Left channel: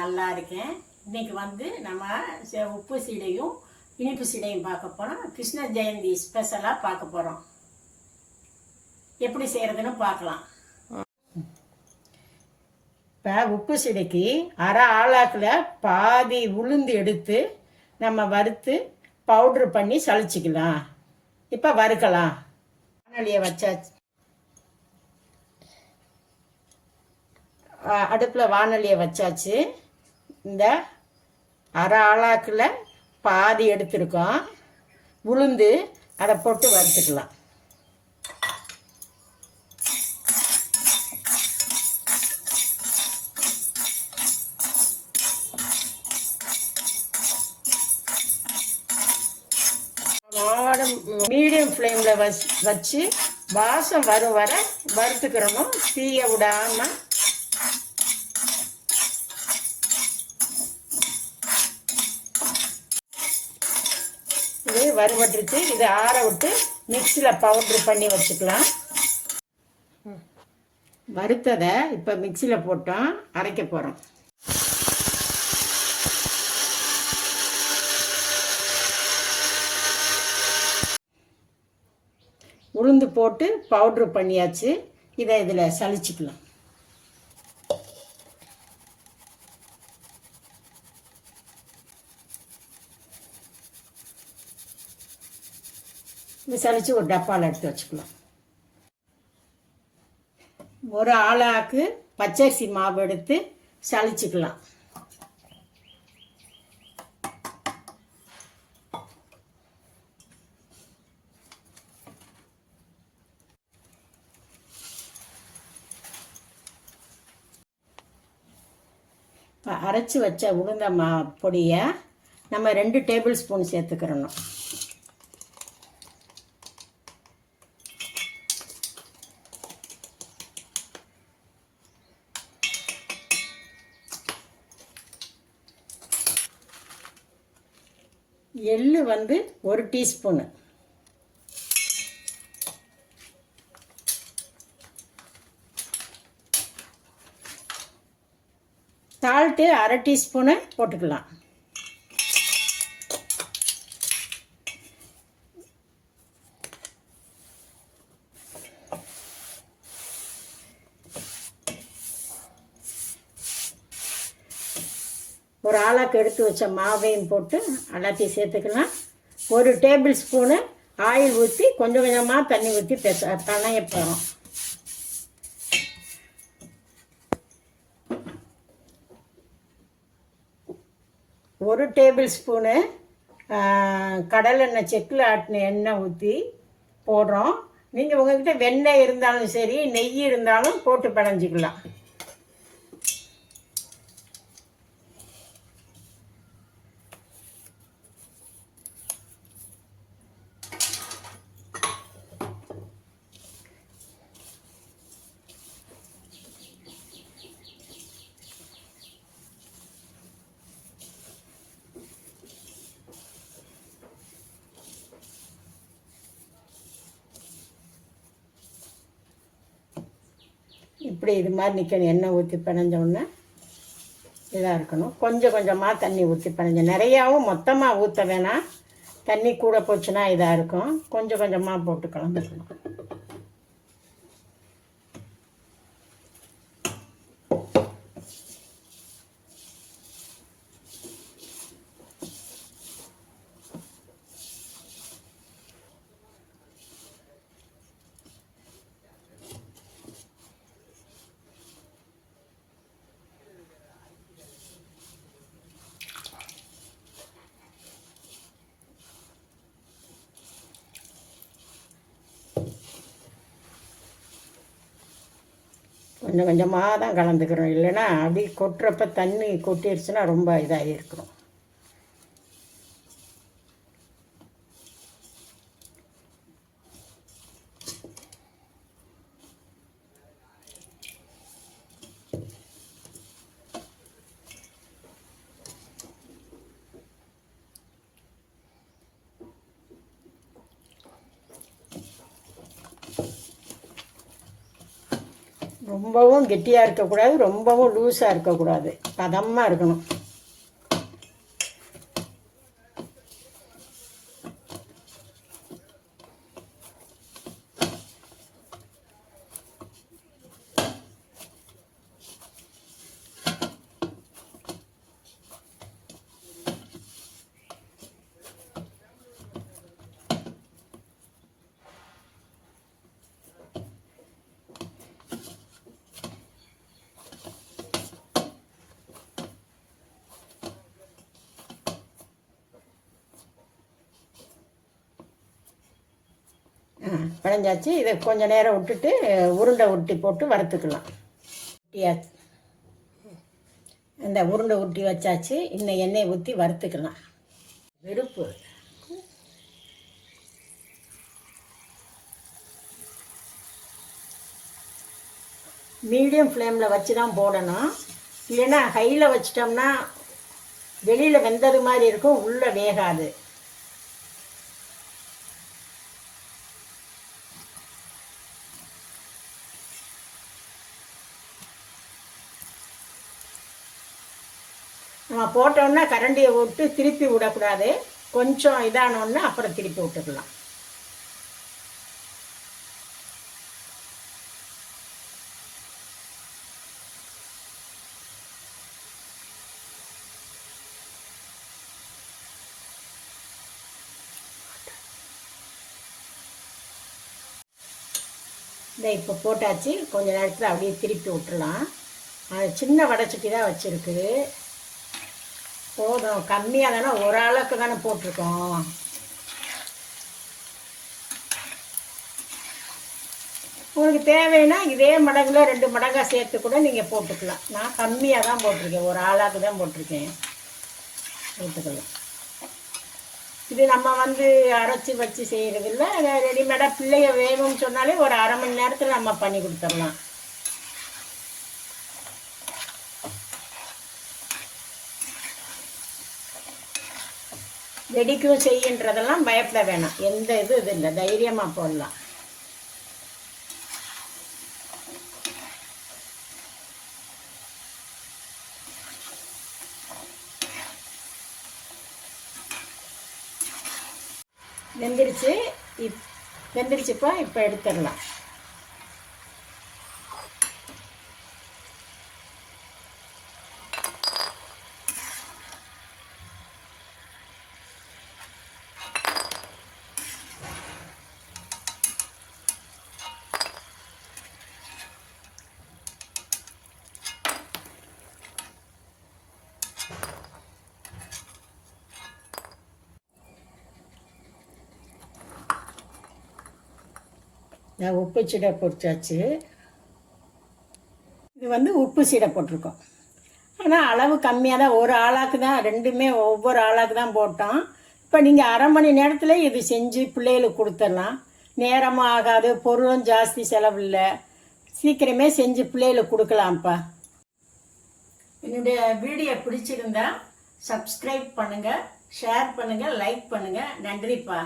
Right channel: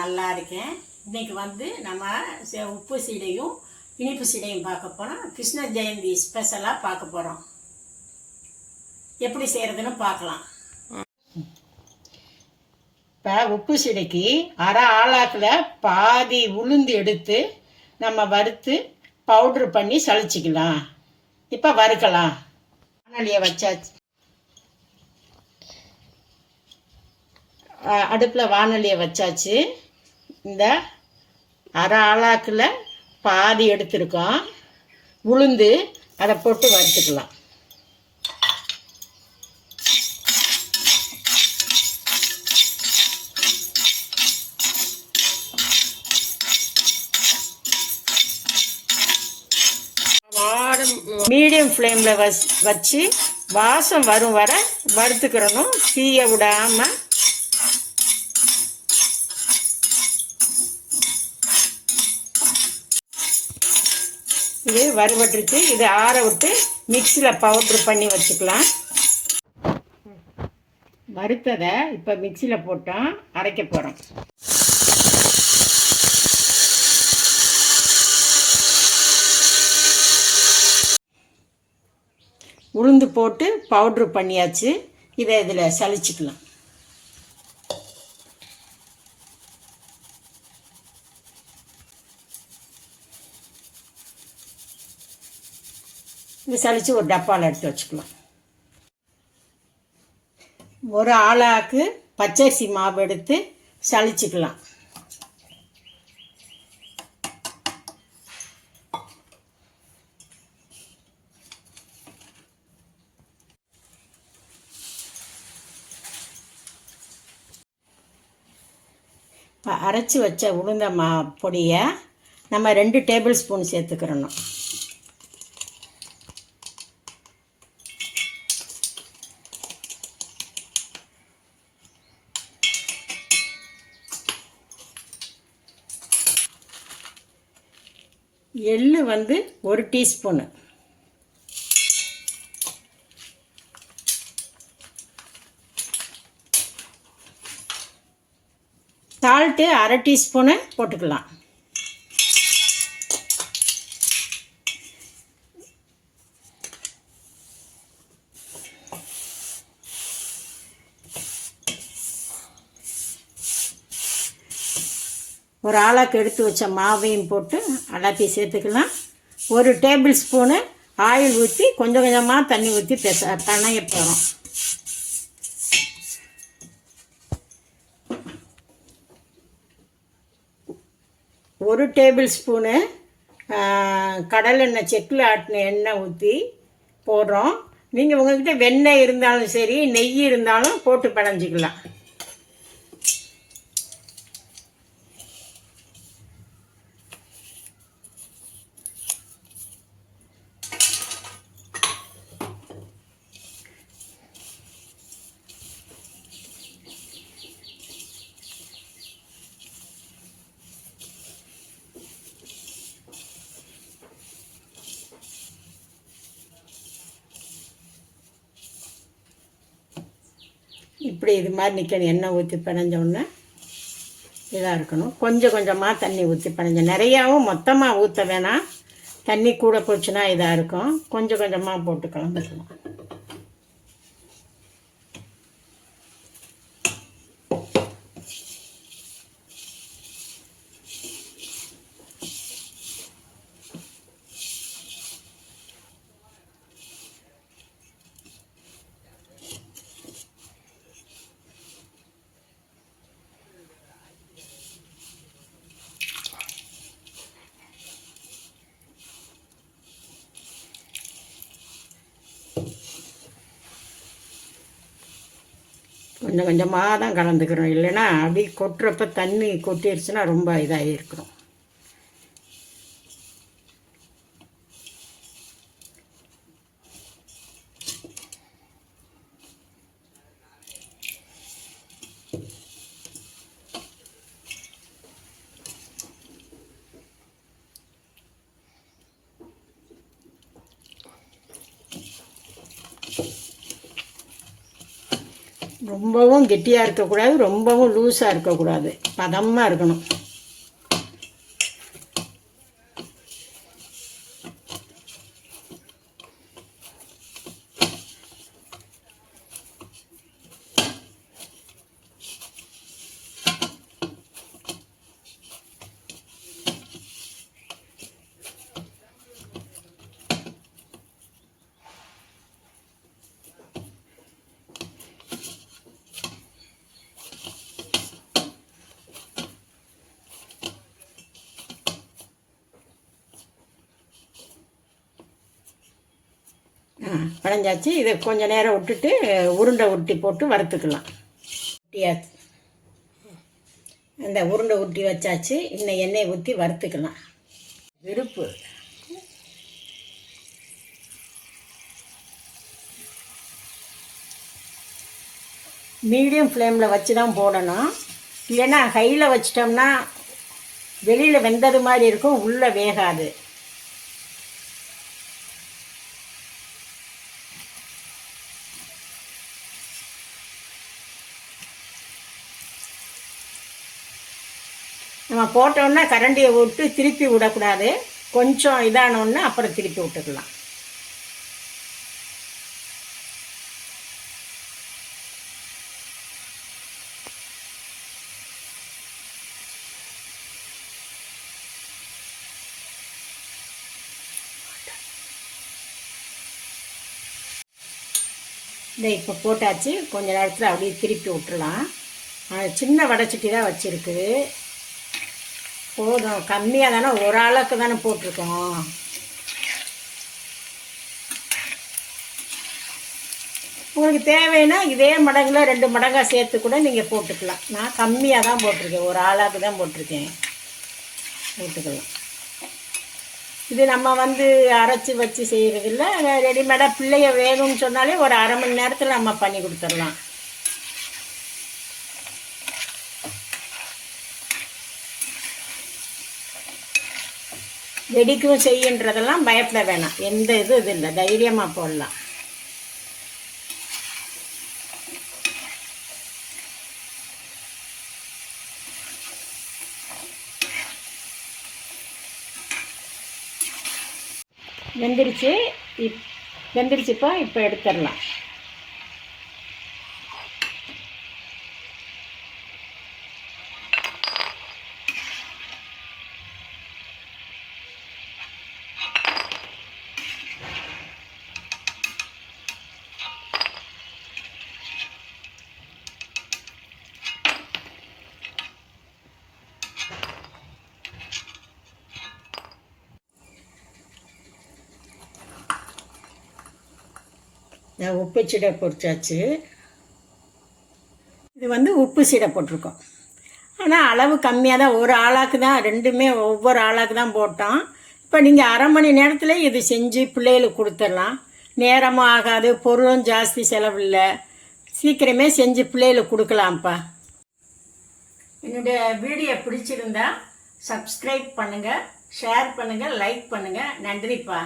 நல்லா இருக்கேன். இன்னைக்கு வந்து நம்ம உப்பு சீடையும் இனிப்பு சீடையும் பார்க்க போகிறோம் கிருஷ்ண ஜெயந்தி ஸ்பெஷலாக பார்க்க போகிறோம் எப்படி செய்கிறதுன்னு பார்க்கலாம். இப்போ உப்பு சீடைக்கு அரை ஆளாக்கில் பாதி உளுந்து எடுத்து நம்ம வறுத்து பவுட்ரு பண்ணி சளிச்சிக்கலாம். இப்போ வறுக்கலாம். வானொலியை வச்சாச்சு. அடுப்பில் வானொலியை வச்சாச்சு. இந்த அரை ஆளாக்கில் பாதி எடுத்திருக்கோம். உளுந்து அதை போட்டு வறுத்துக்கலாம். மீடியம் ஃப்ளேமில் வச் வச்சு வாசம் வரும் வர வறுத்துக்கிறணும். தீய விடாமல் இது வறுபட்டுருச்சு. இதை ஆற விட்டு மிக்சியில் பவுட்ரு பண்ணி வச்சுக்கலாம். வறுத்ததை இப்போ மிக்சியில் போட்டோம் அரைக்க போகிறோம் உளுந்து போட்டு பவுட்ரு பண்ணியாச்சு. இதை இதில் சலிச்சுக்கலாம். இது சலிச்சு ஒரு டப்பாவில் எடுத்து வச்சுக்கலாம் ஒரு ஆளாக்கு பச்சரிசி மாவு எடுத்து சலிச்சுக்கலாம். இப்போ அரைச்சி வச்ச உளுந்த மா பொடியை நம்ம ரெண்டு டேபிள் ஸ்பூன் சேர்த்துக்கிறணும். எள் வந்து ஒரு டீஸ்பூனு. சால்ட்டு அரை டீஸ்பூனு போட்டுக்கலாம். ஒரு ஆளாக்கு எடுத்து வச்ச மாவையும் போட்டு எல்லாத்தையும் சேர்த்துக்கலாம். ஒரு டேபிள் ஸ்பூனு ஆயில் ஊற்றி கொஞ்சம் கொஞ்சமாக தண்ணி ஊற்றி பெச தனைய போகிறோம் ஒரு டேபிள் ஸ்பூனு கடலெண்ணெய் செக்கில் ஆட்டின எண்ணெய் ஊற்றி போடுறோம். நீங்கள் உங்கள்கிட்ட வெண்ணெய் இருந்தாலும் சரி நெய் இருந்தாலும் போட்டு பிணைஞ்சிக்கலாம். இப்படி இது மாதிரி நிற்கணும் எண்ணெய் ஊற்றி பிணைஞ்ச உடனே இதாக இருக்கணும். கொஞ்சம் கொஞ்சமாக தண்ணி ஊற்றி பிணைஞ்ச நிறையாவும் மொத்தமாக ஊற்ற வேணாம். தண்ணி கூட போச்சுன்னா இதாக இருக்கும். கொஞ்சம் கொஞ்சமாக போட்டு கலந்துக்கணும் கொஞ்சம் கொஞ்சமாக தான் கலந்துக்கிறோம் இல்லைன்னா அப்படி கொட்டுறப்ப தண்ணி கொட்டிடுச்சுன்னா ரொம்ப இதாக இருக்கும் Thank you. ரொம்பவும் கெட்டியாக இருக்கக்கூடாது ரொம்பவும் லூஸாக இருக்கக்கூடாது. பதமாக இருக்கணும். பிணைஞ்சாச்சு இதை கொஞ்சம் நேரம் விட்டுட்டு உருண்டை உருட்டி போட்டு வறுத்துக்கலாம். உருட்டியாச்சு இந்த உருண்டை உருட்டி வச்சாச்சு. இன்னும் எண்ணெய் ஊற்றி வறுத்துக்கலாம். விருப்பு மீடியம் ஃப்ளேமில் வச்சு தான் போடணும். இல்லைன்னா ஹையில் வச்சிட்டோம்னா வெளியில் வெந்தது மாதிரி இருக்கும் உள்ளே வேகாது. நம்ம போட்டோன்னா கரண்டியை விட்டு திருப்பி விடக்கூடாது. கொஞ்சம் இதானோன்னா அப்புறம் திருப்பி விட்டுக்கலாம். இதை இப்போ போட்டாச்சு. கொஞ்சம் நேரத்தில் அப்படியே திருப்பி விட்டுலாம் சின்ன வடைச்சட்டி தான் வச்சுருக்குது. போதும். கம்மியாக தானே ஒரு ஆளுக்கு தானே போட்டிருக்கோம். உங்களுக்கு தேவைன்னா இதே மடங்கில் ரெண்டு மடங்காக சேர்த்து கூட நீங்கள் போட்டுக்கலாம். நான் கம்மியாக தான் போட்டிருக்கேன். ஒரு ஆளாக்கு தான் போட்டிருக்கேன். போட்டுக்கலாம் இது நம்ம வந்து அரைச்சி வச்சு செய்கிறதில்ல ரெடிமேடாக பிள்ளைய வேணும்னு சொன்னாலே ஒரு அரை மணி நேரத்தில் நம்ம பண்ணி கொடுத்துடலாம். வெடிக்கும் செய்யுன்றதெல்லாம் பயப்பட வேணாம். எந்த இது இது இல்லை. தைரியமாக போடலாம். வெந்துருச்சு இப் வெந்துருச்சுப்பா இப்போ எடுத்துடலாம். உப்பு சீடை பொறிச்சாச்சு இது வந்து உப்பு சீடை போட்டிருக்கோம். ஆனால் அளவு கம்மியாக தான் ஒரு ஆளாக்கு தான் ரெண்டுமே ஒவ்வொரு ஆளாக்கு தான் போட்டோம். இப்போ நீங்கள் அரை மணி நேரத்தில் இது செஞ்சு பிள்ளைகளுக்கு கொடுத்துடலாம். நேரமும் ஆகாது பொருளும் ஜாஸ்தி செலவில்லை. சீக்கிரமே செஞ்சு பிள்ளைகளுக்கு கொடுக்கலாம்ப்பா. என்னுடைய வீடியோ பிடிச்சிருந்தா சப்ஸ்கிரைப் பண்ணுங்கள் ஷேர் பண்ணுங்கள் லைக் பண்ணுங்கள் நன்றிப்பா.